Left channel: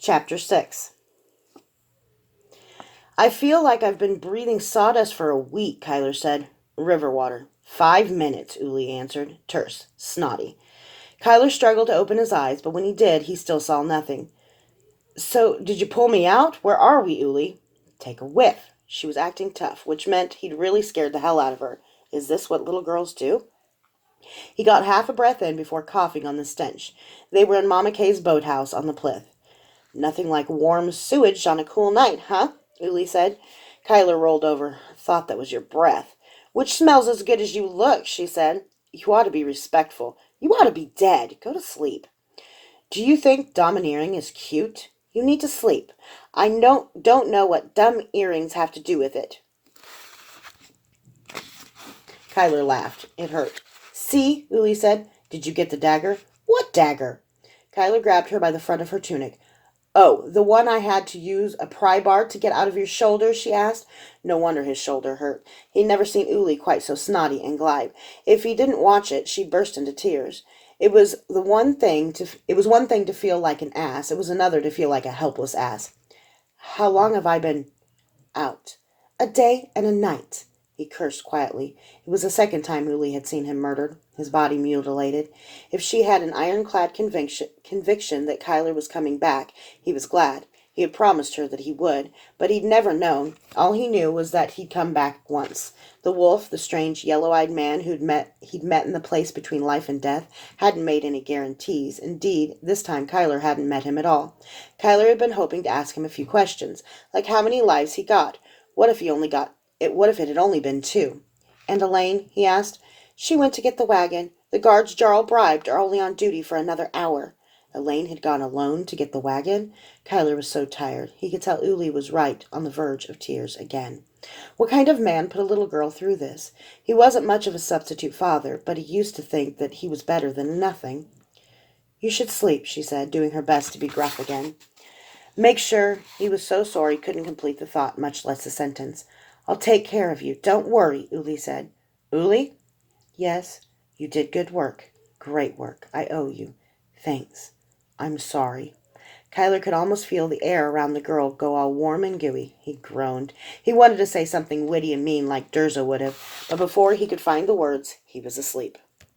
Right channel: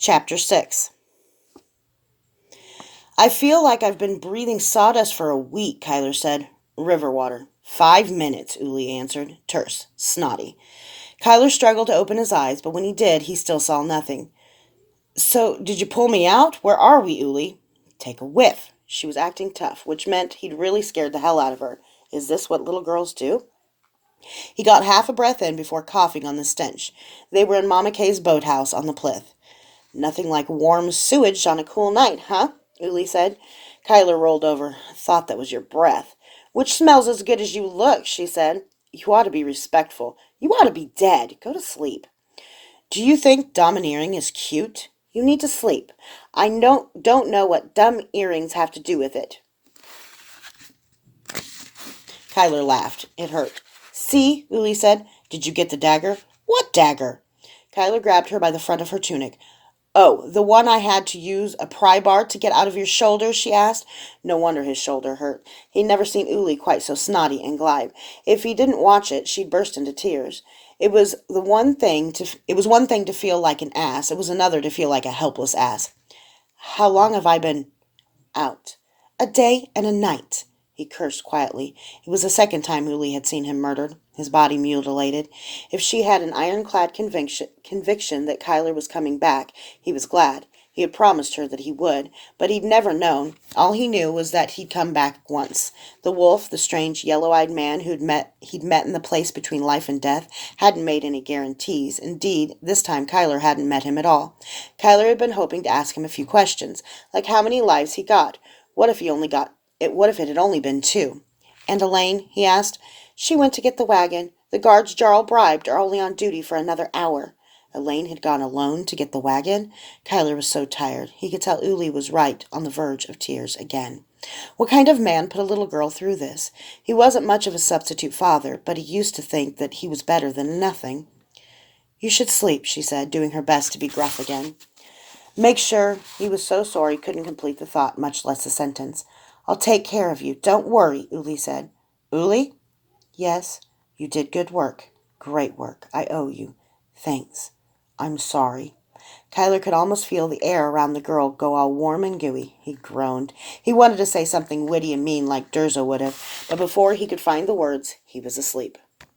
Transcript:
Chapter 6. I feel like I've been breathing sawdust for a week, Kyler said. River water. 5 minutes, Uli answered. Terse. Snotty. Kyler struggled to open his eyes, but when he did, he still saw nothing. So, did you pull me out? Where are we, Uli? Take a whiff. She was acting tough, which meant he'd really scared the hell out of her. Is this what little girls do? He got half a breath in before coughing on the stench. They were in Mama Kay's boathouse on the Plith. Nothing like warm sewage on a cool night, huh? Uli said. Kyler rolled over. Thought that was your breath. Which smells as good as you look, she said. You ought to be respectful. You ought to be dead. Go to sleep. Do you think domineering is cute? You need to sleep. I don't know what dumb earrings have to do with it. Kyler laughed. It hurt. See, Uli said. Did you get the dagger? What dagger? Kyler grabbed her by the front of her tunic. Oh, the one I had to use a pry bar to get out of your shoulder, she asked. No wonder his shoulder hurt. He'd never seen Uli quite so snotty and glide. If he didn't watch it, she'd burst into tears. It was one thing to feel like an ass. It was another to feel like a helpless ass. How long have I been out? A day and a night. He cursed quietly. It was the second time Uli had seen him murdered, his body mutilated. If she had an ironclad conviction that Kyler was coming back, he was glad. He had promised her that he would, but he'd never known. All he knew was that he'd come back once. The wolf, the strange yellow-eyed man he'd met in the place between life and death, hadn't made any guarantees. Indeed, this time Kyler hadn't met him at all. Kyler had been hoping to ask him a few questions, like how many lives he got. What if it had only been 2? And Elaine, he asked. She went to get the wagon. The guards Jarl bribed are only on duty for another hour. Elaine had gone alone to get the wagon? Kyler was so tired. He could tell Uli was right, on the verge of tears again. What kind of man put a little girl through this? He wasn't much of a substitute father, but he used to think that he was better than nothing. You should sleep, she said, doing her best to be gruff again. Make sure. He was so sore he couldn't complete the thought, much less the sentence. I'll take care of you. Don't worry, Uli said. Uli? Yes, you did good work. Great work. I owe you. Thanks. I'm sorry. Kyler could almost feel the air around the girl go all warm and gooey. He groaned. He wanted to say something witty and mean like Durza would have, but before he could find the words, he was asleep.